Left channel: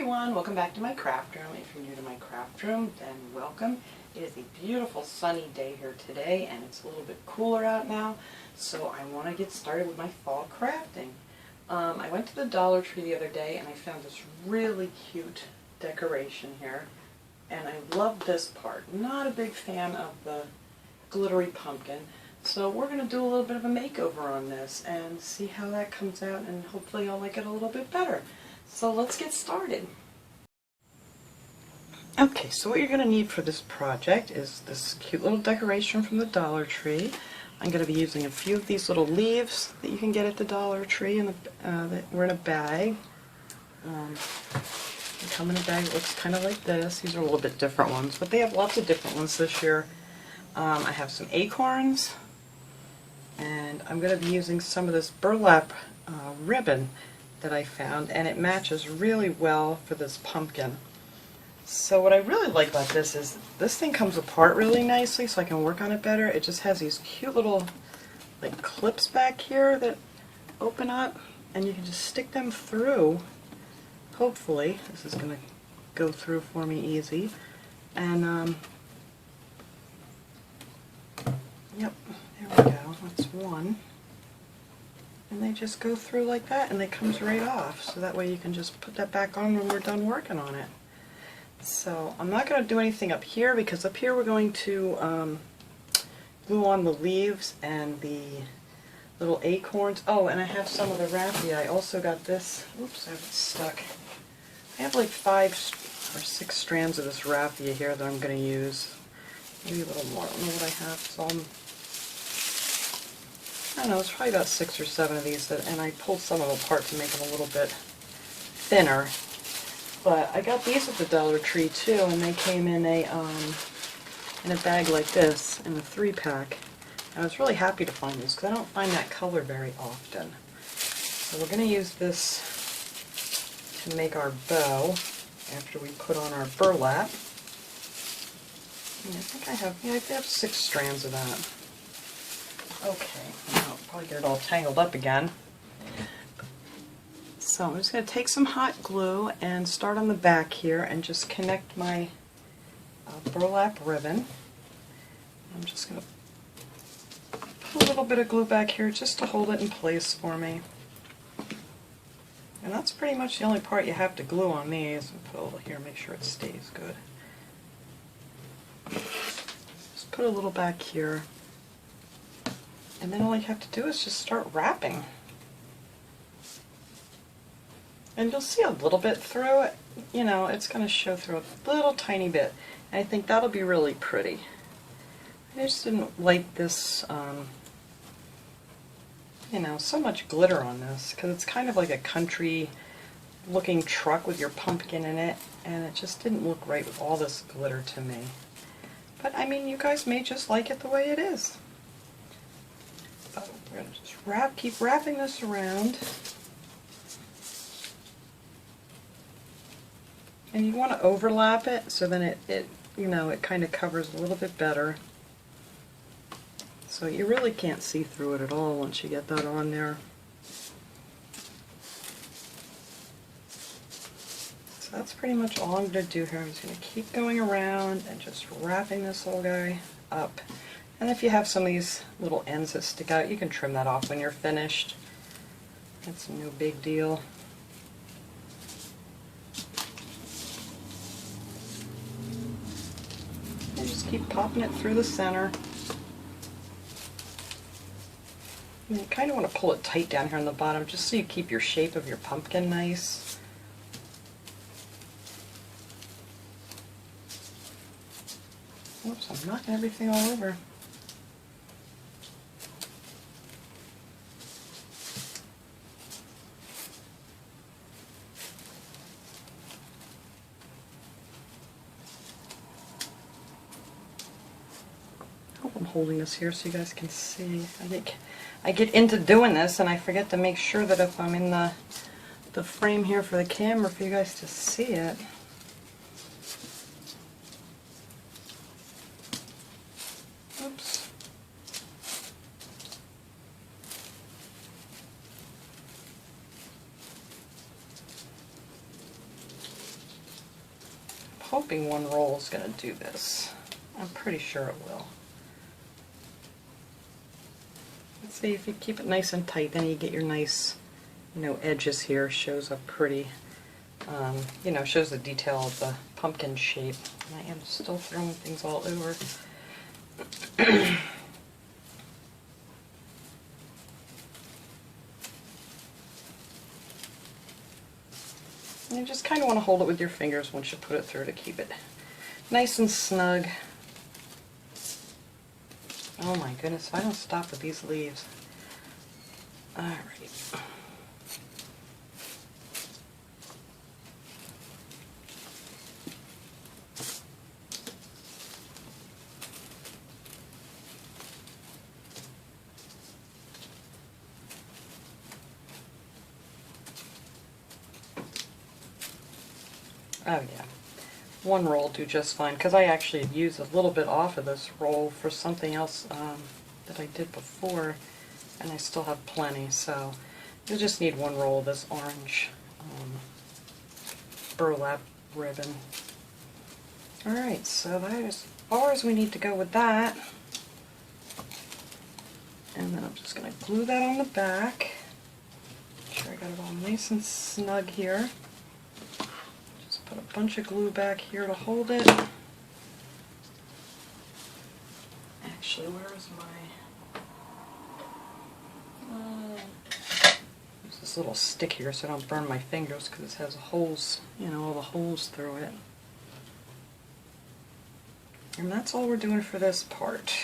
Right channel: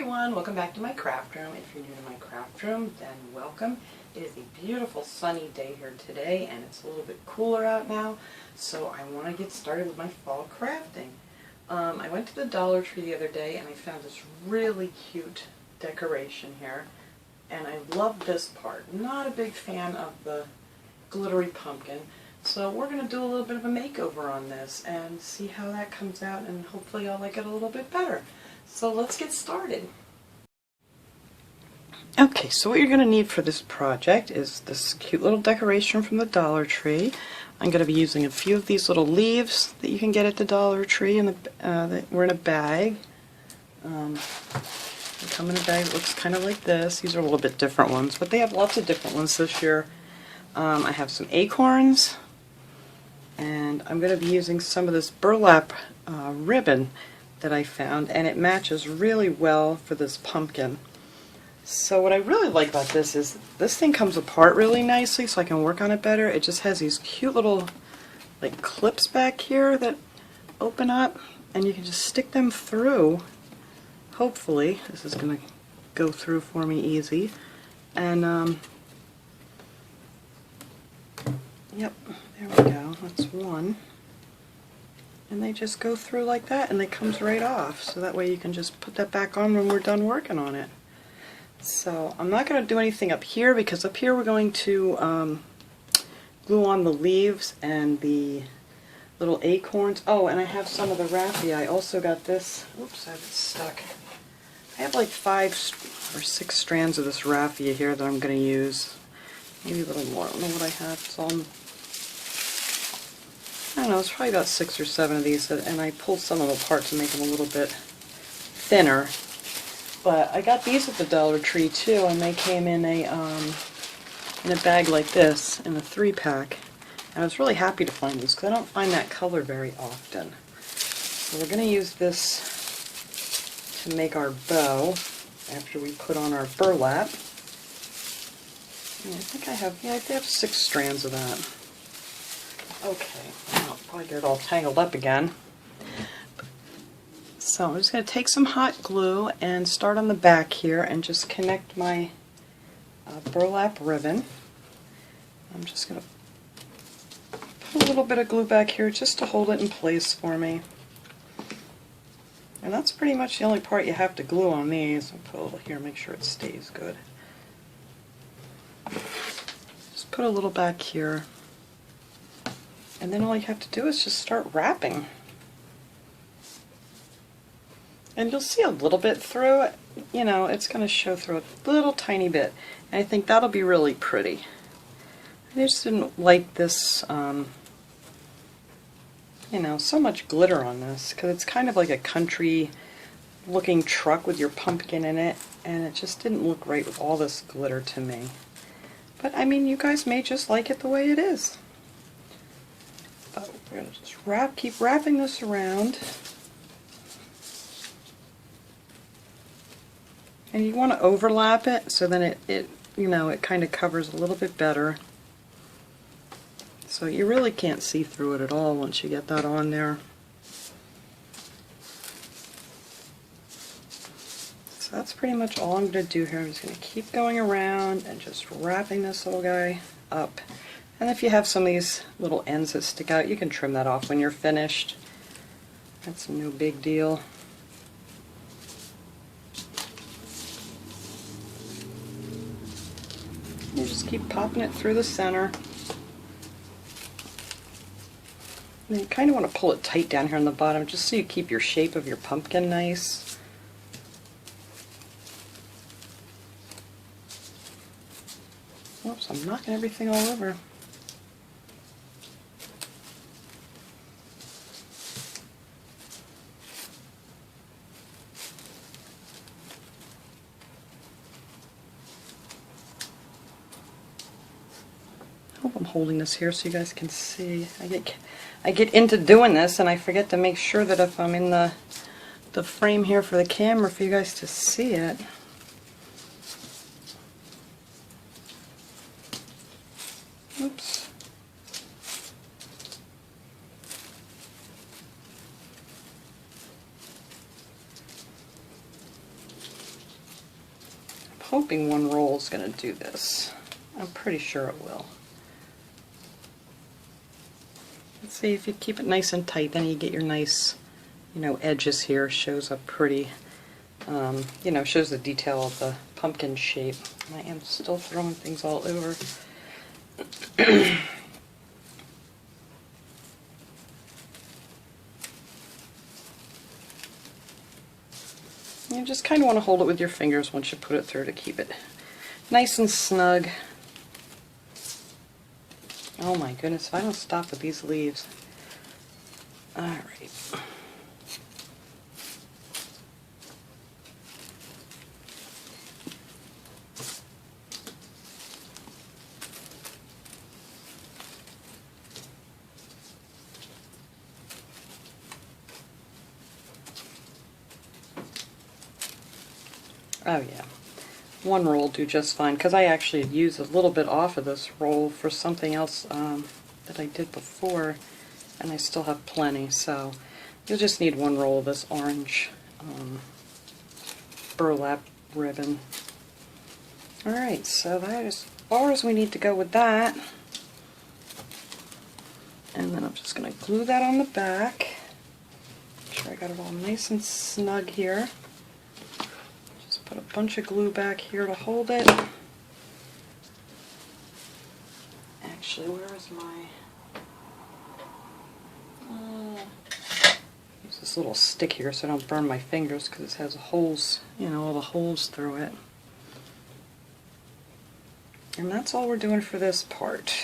everyone, welcome back to my craft room. If you're new to my craft room, then welcome. It is a beautiful sunny day here today and it's a little bit cooler out now, so I want to get started with my fall crafting. I went to the Dollar Tree the other day and I found this really cute decoration here, and I love this part. Not a big fan of the glittery pumpkin, so we're going to do a little bit of a makeover on this and see how that comes out, and hopefully I'll like it a little bit better. So let's get started. Okay, so what you're going to need for this project is this cute little decoration from the Dollar Tree. I'm going to be using a few of these little leaves that you can get at the Dollar Tree, and that were in a bag. They come in a bag that looks kind of like this. These are a little bit different ones, but they have lots of different ones this year. I have some acorns, and I'm going to be using some of this burlap ribbon that I found, and it matches really well for this pumpkin. So what I really like about this is this thing comes apart really nicely, so I can work on it better. It just has these cute little like clips back here that open up, and you can just stick them through. Hopefully this is going to go through for me easy. And yep, there we go, that's one. And they just go through like that, and it comes right off, so that way you can just put that back on when we're done working on it. So I'm not going to do anything up here, because up here we're going to glue on the leaves and the little acorns. Oh, and I have some of the raffia. I also got this. Oops, I have it stuck. I have like 5 or 6 strands of this raffia here that I'm going to use. Maybe a little more. I don't know what I have. It's all, I don't know, it's probably about 6 or 7 of these, and I pulled some of them apart to make them a little bit thinner. But I got these at the Dollar Tree too, and they came in a bag like this, in a 3-pack. And I was really happy to find these, because I don't find that color very often. So we're going to use this to make our bow after we put on our burlap. And I think I have 6 strands of that. Okay, I'll probably get it all tangled up again. So I'm just going to take some hot glue and start on the back here and just connect my burlap ribbon. I'm just going to put a little bit of glue back here just to hold it in place for me. And that's pretty much the only part you have to glue on these. I'll put a little here, make sure it stays good. Just put a little back here. And then all you have to do is just start wrapping. And you'll see a little bit through it. You know, it's going to show through a little tiny bit. And I think that'll be really pretty. I just didn't like this, you know, so much glitter on this, because it's kind of like a country looking truck with your pumpkin in it, and it just didn't look right with all this glitter to me. But I mean, you guys may just like it the way it is. But we're going to just keep wrapping this around. And you want to overlap it so then it you know, it kind of covers a little bit better. So you really can't see through it at all once you get that on there. So that's pretty much all I'm going to do here. I'm just going to keep going around and just wrapping this little guy up. And if you have some of these little ends that stick out, you can trim that off when you're finished. That's no big deal. You just keep popping it through the center. And you kind of want to pull it tight down here on the bottom, just so you keep your shape of your pumpkin nice. Oops, I'm knocking everything all over. I'm holding this here so you guys can see. I get into doing this and I forget to make sure that if I'm in the frame here for the camera for you guys to see it. Oops. hoping one roll is going to do this. I'm pretty sure it will. Let's see, if you keep it nice and tight, then you get your nice, you know, edges here. Shows up pretty, you know, shows the detail of the pumpkin shape. And I am still throwing things all over. You just kind of want to hold it with your fingers once you put it through to keep it nice and snug. Oh my goodness, if I don't stop with these leaves. Alright. Oh yeah, one roll will do just fine, because I actually used a little bit off of this roll for something else that I did before, and I still have plenty, so you'll just need one roll of this orange burlap ribbon. Alright, so that is as far as we need to go with that. And then I'm just going to glue that on the back. Make sure I got it all nice and snug here. Put a bunch of glue back here to hold it. Actually, where is my... use this little stick here so I don't burn my fingers, because it has holes, you know, all the holes through it. And that's all we're doing for this part.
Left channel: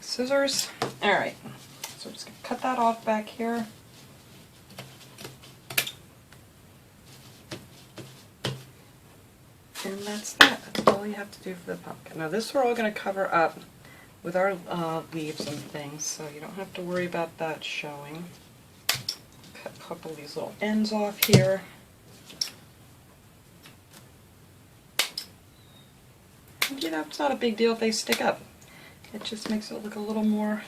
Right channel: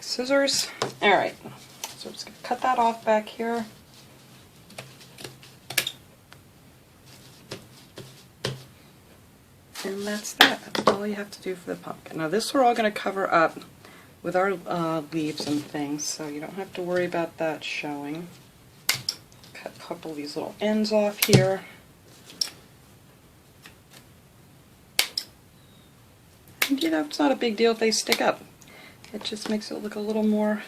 Scissors. Alright, so I'm just going to cut that off back here. And that's that. That's all you have to do for the pumpkin. Now this we're all going to cover up with our leaves and things, so you don't have to worry about that showing. Cut a couple of these little ends off here. And you know, it's not a big deal if they stick up. It just makes it look a little more,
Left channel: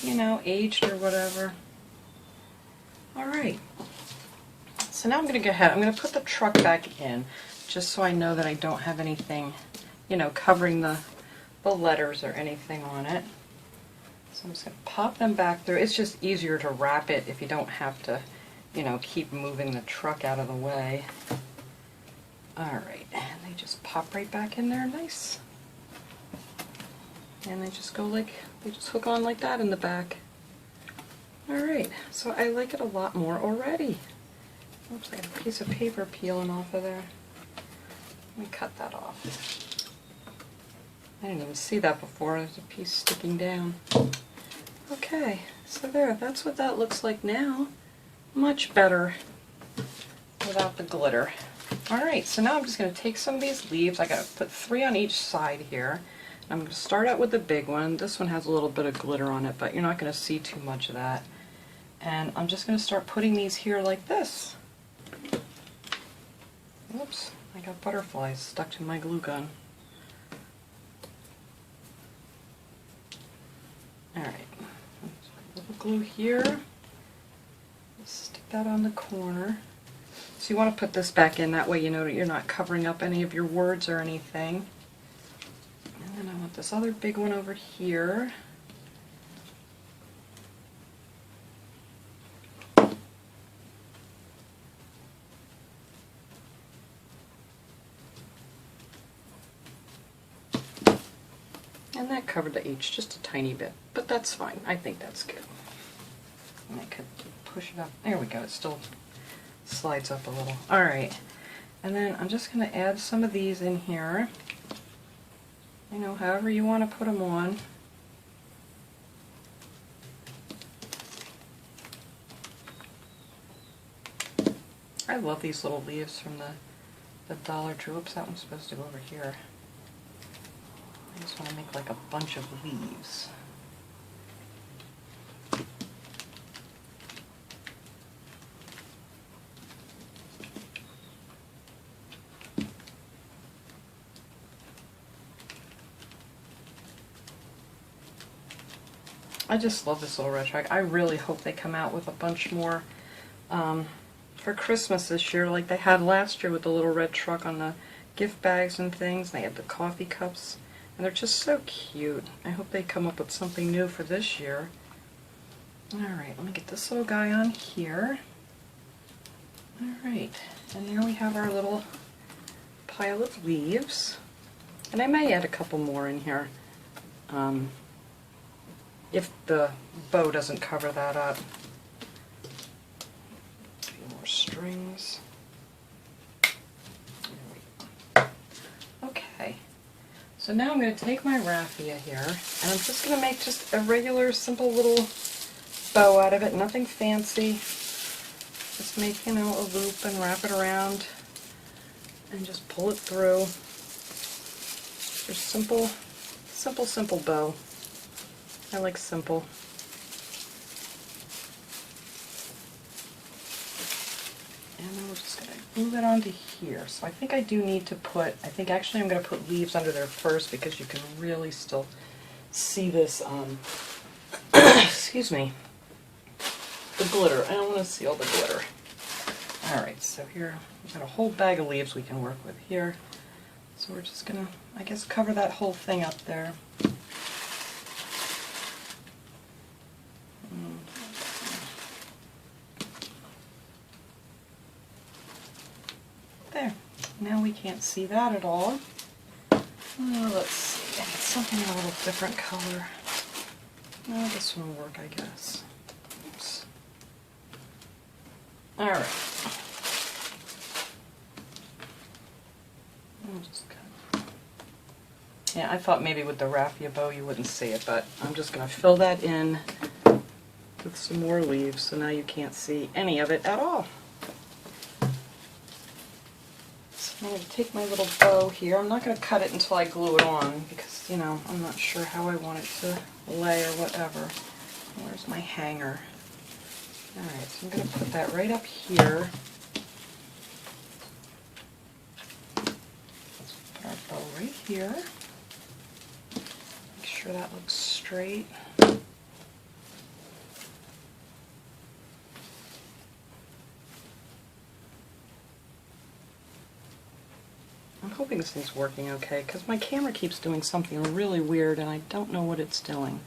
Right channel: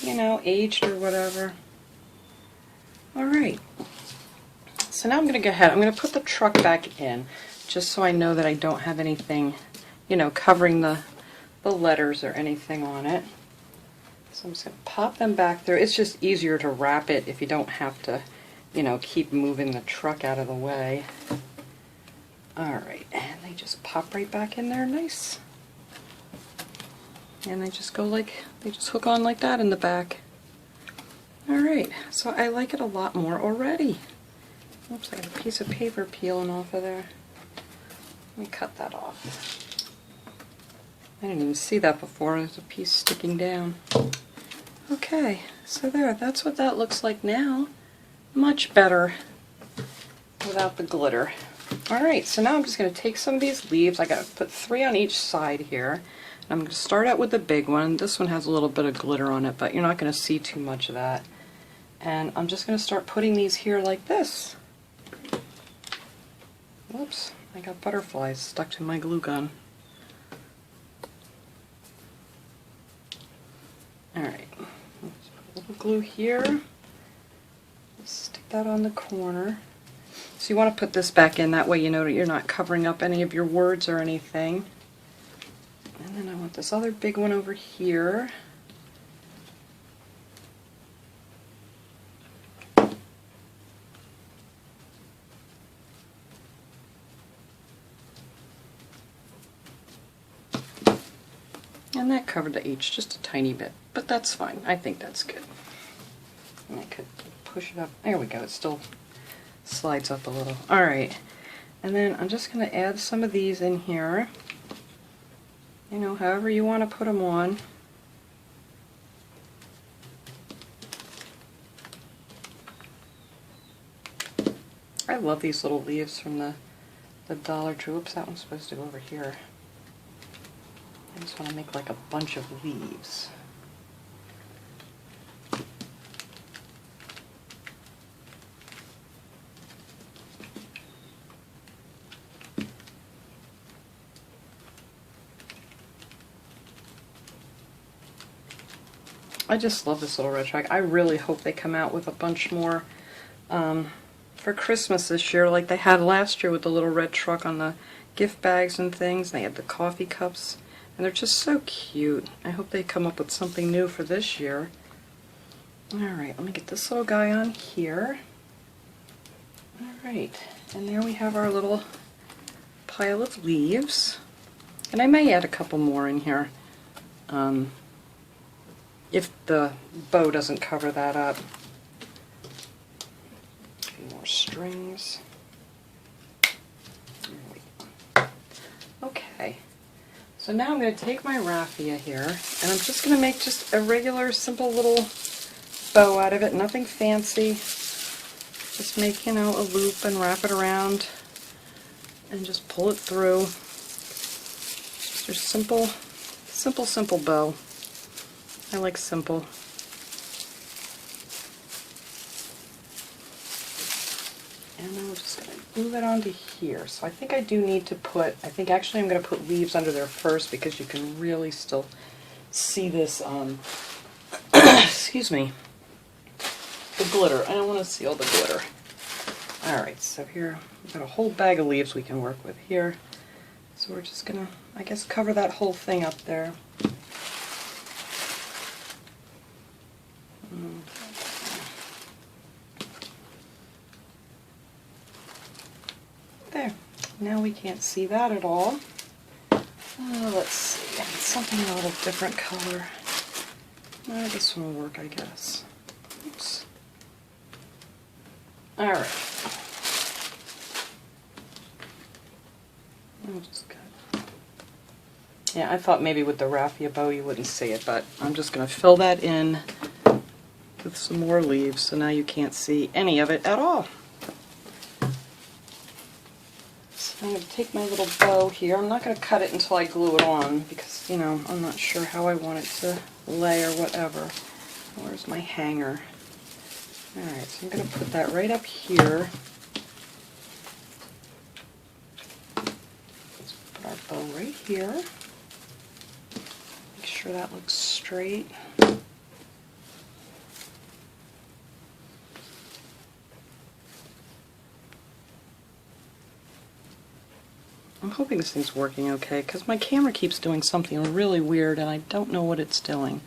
you know, aged or whatever. Alright. So now I'm going to go ahead. I'm going to put the truck back in, just so I know that I don't have anything, you know, covering the letters or anything on it. So I'm just going to pop them back there. It's just easier to wrap it if you don't have to, you know, keep moving the truck out of the way. Alright, and they just pop right back in there nice. And they just go like, they just hook on like that in the back. Alright, so I like it a lot more already. Oops, I got a piece of paper peeling off of there. Let me cut that off. I didn't even see that before. There's a piece sticking down. Okay, so there, that's what that looks like now. Much better without the glitter. Alright, so now I'm just going to take some of these leaves. I got to put 3 on each side here. I'm going to start out with the big one. This one has a little bit of glitter on it, but you're not going to see too much of that. And I'm just going to start putting these here like this. Oops, I got butterflies stuck to my glue gun. Alright, let's put a little glue here. Stick that on the corner. So you want to put this back in, that way you know that you're not covering up any of your words or anything. And then I want this other big one over here. And that covered the H just a tiny bit, but that's fine. I think that's good. And I could push it up. There we go. It still slides up a little. Alright. And then I'm just going to add some of these in here. You know, however you want to put them on. I love these little leaves from the Dollar Tree. Oops, that one's supposed to go over here. I just want to make like a bunch of leaves. I just love this little red track. I really hope they come out with a bunch more for Christmas this year like they had last year with the little red truck on the gift bags and things. They had the coffee cups, and they're just so cute. I hope they come up with something new for this year. Alright, let me get this little guy on here. Alright, and there we have our little pile of leaves. And I may add a couple more in here if the bow doesn't cover that up. A few more strings. Okay, so now I'm going to take my raffia here, and I'm just going to make just a regular simple little bow out of it, nothing fancy. Just make, you know, a loop and wrap it around and just pull it through. Just a simple bow. I like simple. And I'm just going to move it onto here. So I think I do need to put, actually I'm going to put leaves under there first because you can really still see this, excuse me, the glitter. I don't want to see all the glitter. Alright, so here we've got a whole bag of leaves we can work with here. So we're just going to, I guess, cover that whole thing up there. There. Now we can't see that at all. Let's see. I need something in a little different color. This one will work, I guess. Oops. Alright. Yeah, I thought maybe with the raffia bow you wouldn't see it, but I'm just going to fill that in with some more leaves, so now you can't see any of it at all. So I'm going to take my little bow here. I'm not going to cut it until I glue it on because, you know, I'm not sure how I want it to lay or whatever. Where's my hanger? Alright, so I'm going to put that right up here. Let's put our bow right here. Make sure that looks straight. I'm hoping this thing's working okay because my camera keeps doing something really weird and I don't know what it's doing.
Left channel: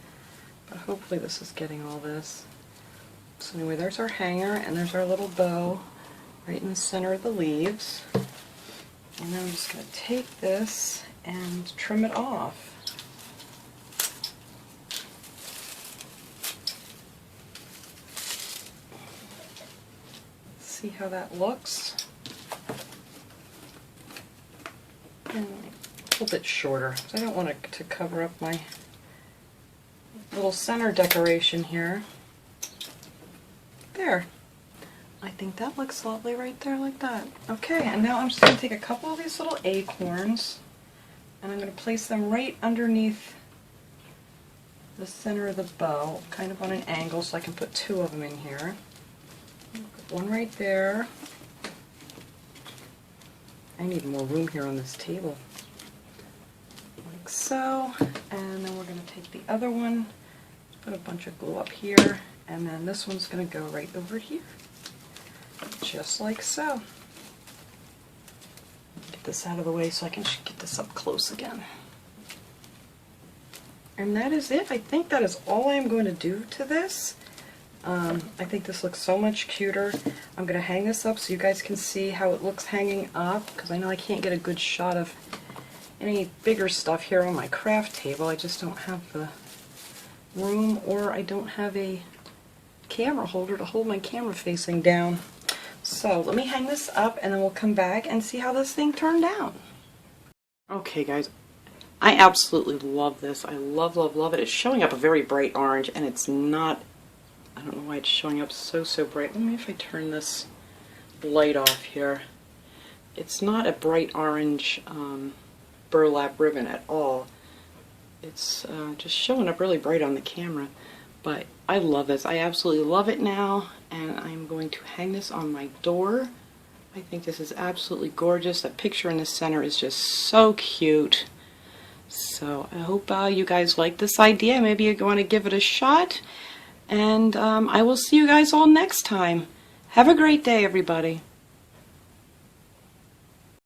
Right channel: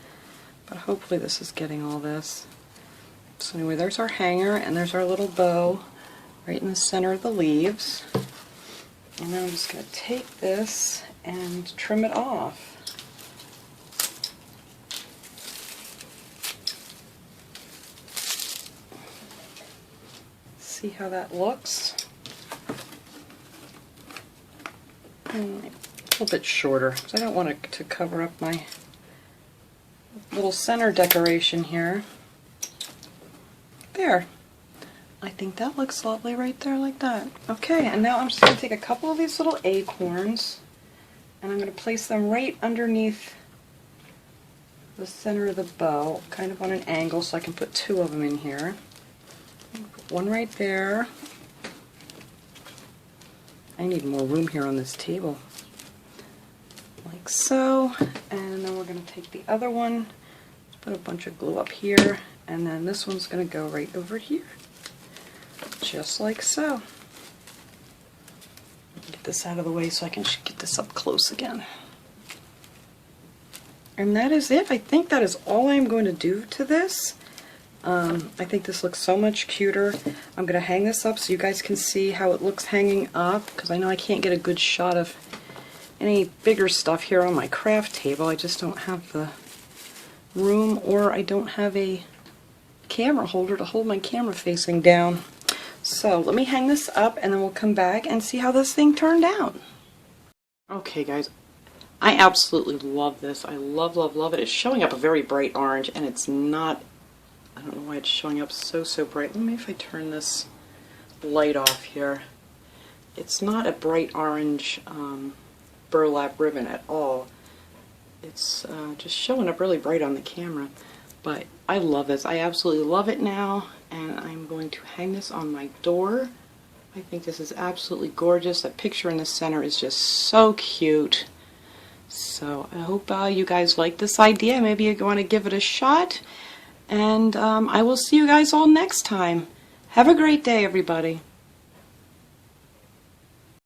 But hopefully this is getting all this. So anyway, there's our hanger and there's our little bow right in the center of the leaves. And then I'm just going to take this and trim it off. See how that looks? And a little bit shorter because I don't want it to cover up my little center decoration here. There. I think that looks lovely right there like that. Okay, and now I'm just going to take a couple of these little acorns and I'm going to place them right underneath the center of the bow, kind of on an angle so I can put two of them in here. Put one right there. I need more room here on this table. Like so. And then we're going to take the other one, put a bunch of glue up here, and then this one's going to go right over here. Just like so. Get this out of the way so I can get this up close again. And that is it. I think that is all I'm going to do to this. I think this looks so much cuter. I'm going to hang this up so you guys can see how it looks hanging up, because I know I can't get a good shot of any bigger stuff here on my craft table. I just don't have the room, or I don't have a camera holder to hold my camera facing down. So let me hang this up and then we'll come back and see how this thing turned out. Okay guys, I absolutely love this. I love it. It's showing up a very bright orange and it's not, I don't know why it's showing up so bright. Let me, if I turn this light off here. It's not a bright orange burlap ribbon at all. It's just showing up really bright on the camera. But I love this. I absolutely love it now, and I'm going to hang this on my door. I think this is absolutely gorgeous. That picture in the center is just so cute. So I hope you guys like this idea. Maybe you want to give it a shot. And I will see you guys all next time. Have a great day, everybody.